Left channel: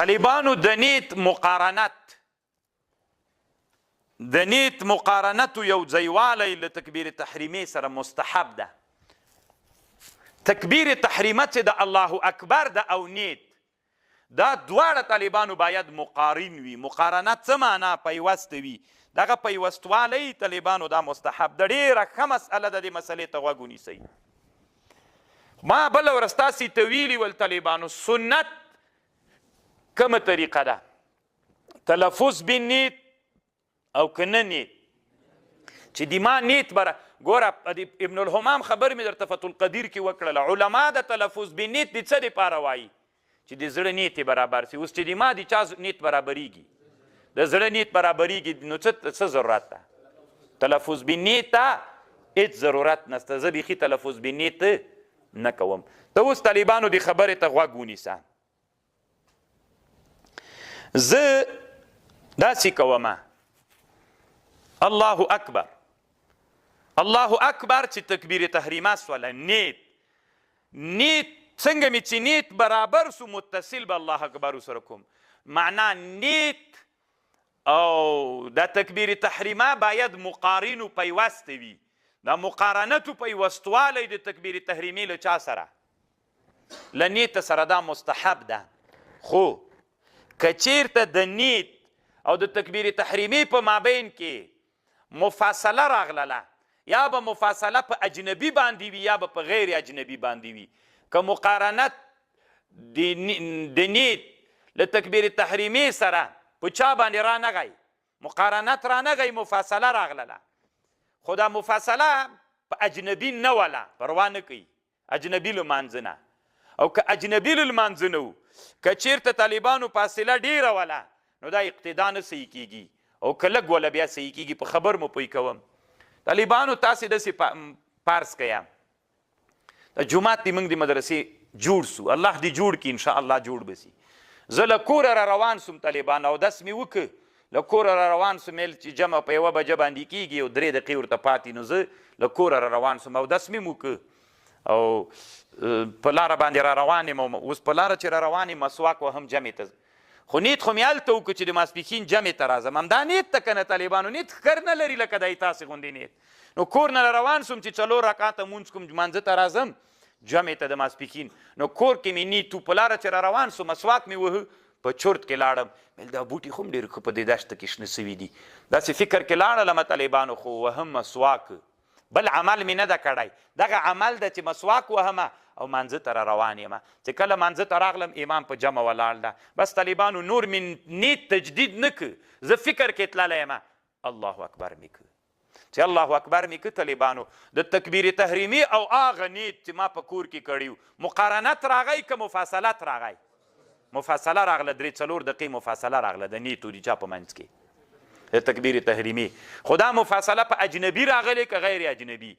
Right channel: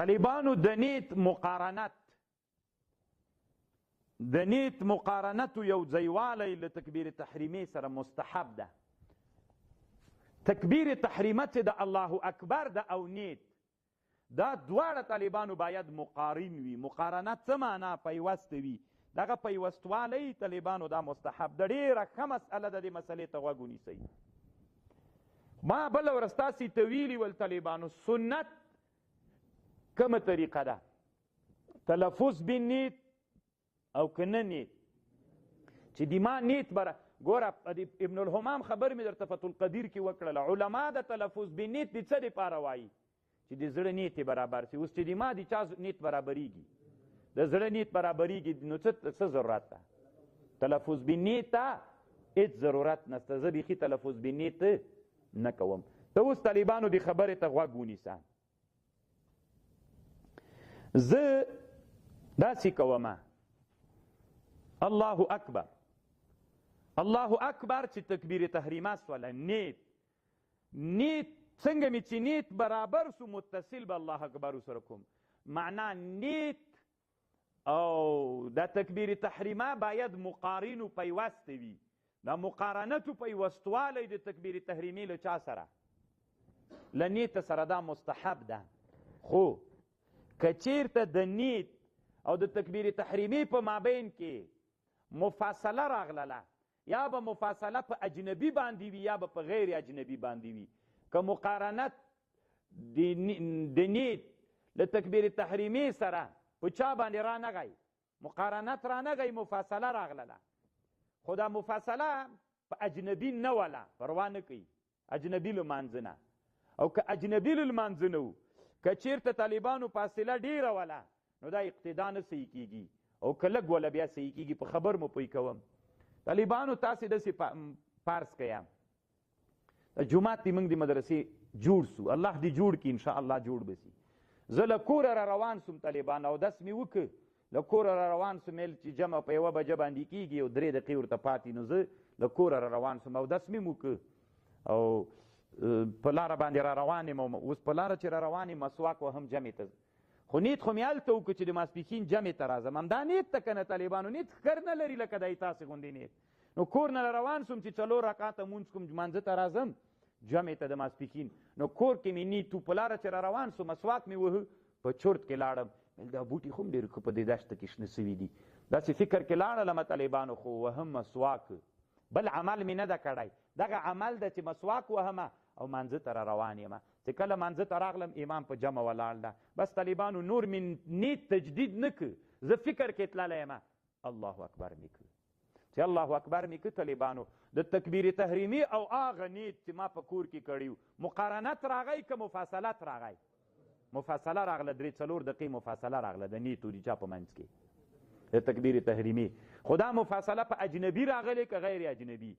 طالبانو د نیت مقارنت یو ځایوالی له تکبیر تحریمې سره مستحب ده. تکبیر تحریمه چې د الله اکبر ده او نیت دا دواړه طالبانو باید مقارن وي. مقارنت څه معنا؟ پیوست وي. دغه پیوستوالی طالبانو دا مستحب ده. ډېره ښه مسئله ده. دې مسلې ته غوږ ونیسئ. ما بله ورځ تاسې ته ویلي ول طالبانو سنت کومه طریقه ده؟ تلفظ بالنیت او که نه نیت. چې د ما نیت بره ګوره ابن الحمام خبر مې درته فتح القدیر کې وکړله. علما د تلفظ بالنیت د څه دپاره وایي؟ چې د زړه نیت یې برابر سي. اوس چې د ما د چا نیت برابریږي، د زړه نیت برابریږي، نو څه ضرورت ده؟ تلفظ بالنیت ته هېڅ ضرورت نشته. زه بیخي تلفظ بالنیت نه کوم. ته اوس طالبانو د خبرې ته غوږ ونیسه. زه داسې کومه الله اکبر الله اکبر چې تکبیر تحریمه سوله. نیت څنګه مې چې نیت برابر سو متصل به الله اکبر سره کوم. معنا نیت او دا تکبیر تحریمه باید مقارن و پیوست وي. دا مقارنت و پیوستوالی د تکبیر تحریمې له چا سره؟ له نیت سره. دا مستحب ده. خو که چیرته د نیت او د تکبیر تحریمې په مابین کې مفاصله راغله، یا به مفاصله په اجنبي باندې وي یا به په غیر اجنبي باندې وي. که مقارنت د نیت له تکبیر تحریمې سره په چا باندې رانغی؟ مقارنت رانغی، مفاصله راغله. خو دا مفاصله په اجنبي نه وله، پروا نه کوي اجنبي لمانځه نه. او که اجنبي لمانځه نه و، که چیرته طالبانو فاصله ډیره وله، نو دا اقتدا نه صحیح کیږي. او که لږ وله بیا صحیح کیږي. په خبر مو پوی کوم. طالبانو تاسې داسې پارس کیا د جومات دی موږ د مدرسې جوړ سو. الله دې جوړ کړي، انشاءالله جوړ به سي. زه له کوره را روان سوم طالبان، اودس مې وکړ، له کوره را روان سوم. چې جمع په یوه بجه باندې کېږي او 3 دقیقې ورته پاتې، نو زه له کوره را روان سوم. اودس مې وکړ او په لاره باندې را روان یم. اوس په لاره چې را روان یم مسواک وهم جمعې ته. خو نیت خو مې هلته وکړو چې د ماسپښین جمعې ته راځم. همدا نیت ته که نه طالبانو نیت ښکر نه لري لکه دی تاسې غوندې نیت. نو کور نه روان سوم چې 4 رکعاته مونځ کوم، لمانځه ته راځم جمعې ته د ماسپښین. نو کور کې مې نیت و. په لاره چې را روان سوم مسواک مې وهه، په چرت کې لاړم. مې دا بوټي خو هم ډېر ښه په دې دشته کې شنه سوي دي. داسې فکر کې لاړلم طالبانو، خو وهم مسواک. بل عمل مې نه ده کړی. دغه عمل ده چې مسواک وهمه او مانځه ته را روان یم. چې کله مانځه ته راغلم امام په جمع ولاړ ده. بس طالبانو نور مې نیت تجدید نه که. زه فکر کې تللی یم الله اکبر مې که. چې الله اکبر مې که طالبانو د تکبیر تحریمي او هغه نیت چې ما په کور کې کړي مقارنت راغی که مفاصلت راغی؟ مفاصله راغله. 3-4 دقیقې مفاصله راغله د نیت و د چا په منځ کې د تکبیر تحریمي. خو دا مفاصله په اجنبي راغلی که غیر اجنبي؟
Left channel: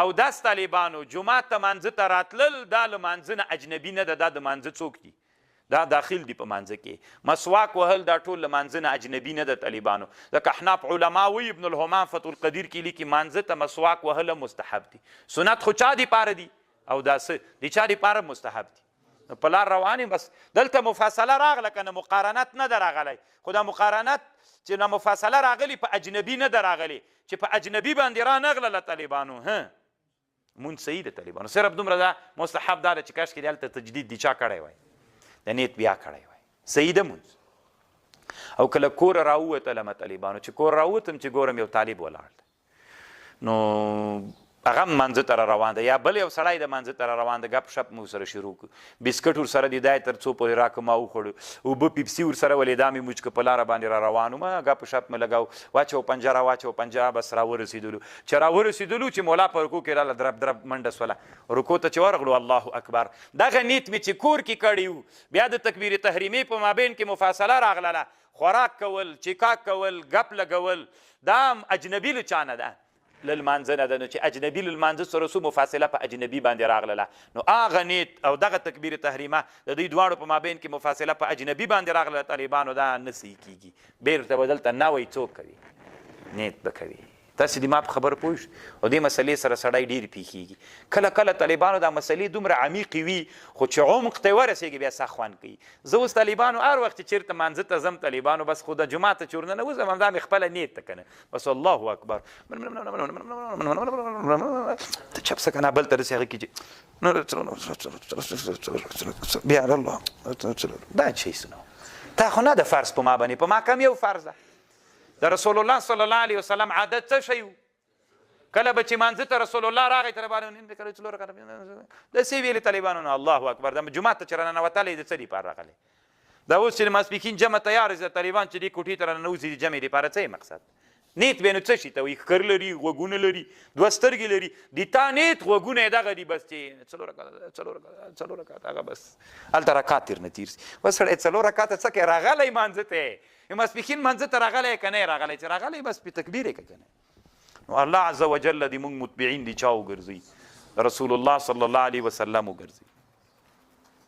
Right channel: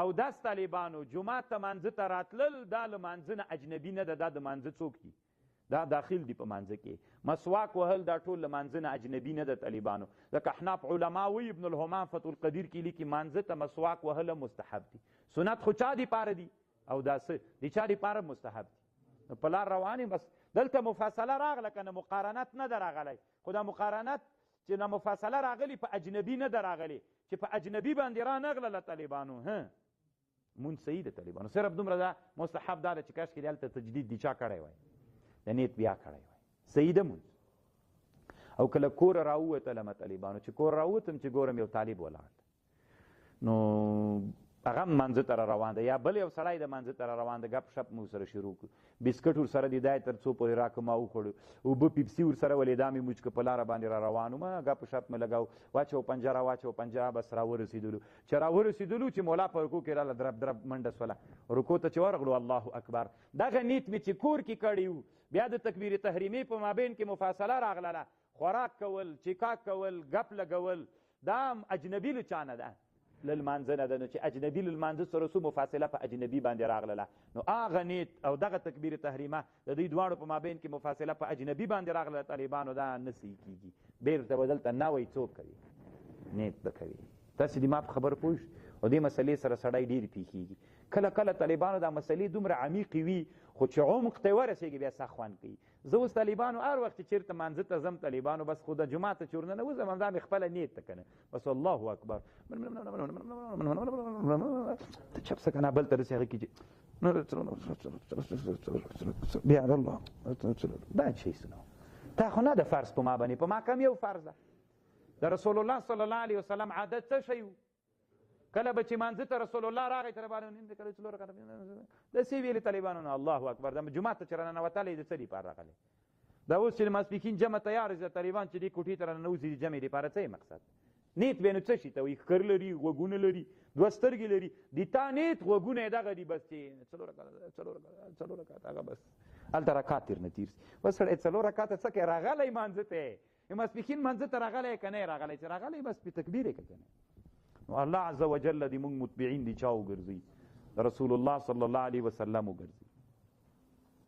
او داس طالبانو جمعات ته مانځه ته راتلل دا له مانځه نه اجنبي نه ده. دا د مانځه څوک دي؟ دا داخل دي په مانځه کې. مسواک وهل دا ټول له مانځه نه اجنبي نه ده طالبانو. ځکه احناف علما وایي، ابن الحمام فتح القدیر کې لیکي مانځه ته مسواک وهل مستحب دي. سنت خو چا دپاره دي او دا څه د چا دپاره مستحب دي؟ په لار روان یم. بس دلته مفاصله راغله که نه مقارنت نه ده راغلی. خو دا مقارنت چې نه مفاصله راغلي په اجنبي نه ده راغلي. چې په اجنبي باندې رانغلله طالبانو مونځ صحیح ده طالبانو. صرف دومره ده مستحب دا ده چې کاشکې د هلته تجدید د چا کړی وای، د نیت بیا کړی وای. صحیح ده مونځ. او کله کوره راووتلم طالبانو، چې کور راووتم چې ګورم یو طالب ولاړ دی. نو هغه هم مانځه ته را روان ده، یا بل یو سړی د مانځه ته را روان ده. ګپ شپ مې ورسره شروع کړو. بسکټ ورسره دی دی تر څو پورې راکړه ما وخوړو. اوبه پیپسي ورسره ولې دا مې موج که په لاره باندې را روان وم. ګپ شپ مې لګاو. واچو پنجره واچو پنجره. بس راورسېدلو. چې راورسېدلو چې مولا په رکو کې راله درب درب منډه سوله. رکو ته چې ورغلو الله اکبر. دغه نیت مې چې کور کې کړی و، بیا د تکبیر تحریمې په مابین کې مفاصله راغله. خوراک کول، چیکاک کول، ګپ لګول، دا اجنبي له چا نه ده، له لمانځه نه ده. نو چې اجنبي له لمانځه سره څو مفاصله په اجنبي باندې راغله، نو هغه نیت او دغه تکبیر تحریمه د دوی دواړو په مابین کې مفاصله په اجنبي باندې راغله طالبانو، دا نه صحیح کیږي. بیرته به دلته نوی څوک کوي؟ نیت به کوي. تاسې د ما په خبره پوه شو او دې مسلې سره سړی ډېرې پیښېږي کله کله طالبانو دا مسلې دومره عمیقې وي خو چې عمق ته یې ورسېږي بیا سخت خوند کوي زه اوس طالبانو هر وخت چې چېرته مانځه ته ځم طالبانو بس خو د جومات ته چې ورننوځم همدا مې خپله نیت ته که نه بس الله اکبر ته چپ شه که نه بل ته رسې هغه کې چې بیا الله دا چی سنو تا خو نه د فرض په ما باندې په ما کم یو فرض ده د رسول الله صلی الله علیه وسلم عادت څه شی و کله به چې مانځه ته رسول الله راغی طالبانو داسې ویلې طالبانو نه الله اکبر د جومات ته چې راننوتلی د څه دپاره راغلی دا اوس چې د ماسپښین جمع تیار د طالبان چې دې کوټې ته راننوځي د جمعې دپاره څه یې مقصد نیت به نو څه شي ته وایي ښکر لري غوږونه لري دوه سترګې لري د تا نیت غوږونه یې دغه دي بس چې څلور رکعته هغه بس هلته رکعت تېر نه تېر سي بس سړی څلور رکعته څه کوي راغلی مانځه ته ماسپښین مانځه ته راغلی که نه یې راغلی چې راغلی بس پې تکبیر یې که که نه نو الله عز وجل دې موږ متبعین دي چا وګرځوي رسول الله صلی الله علیه وسلم وګرځوي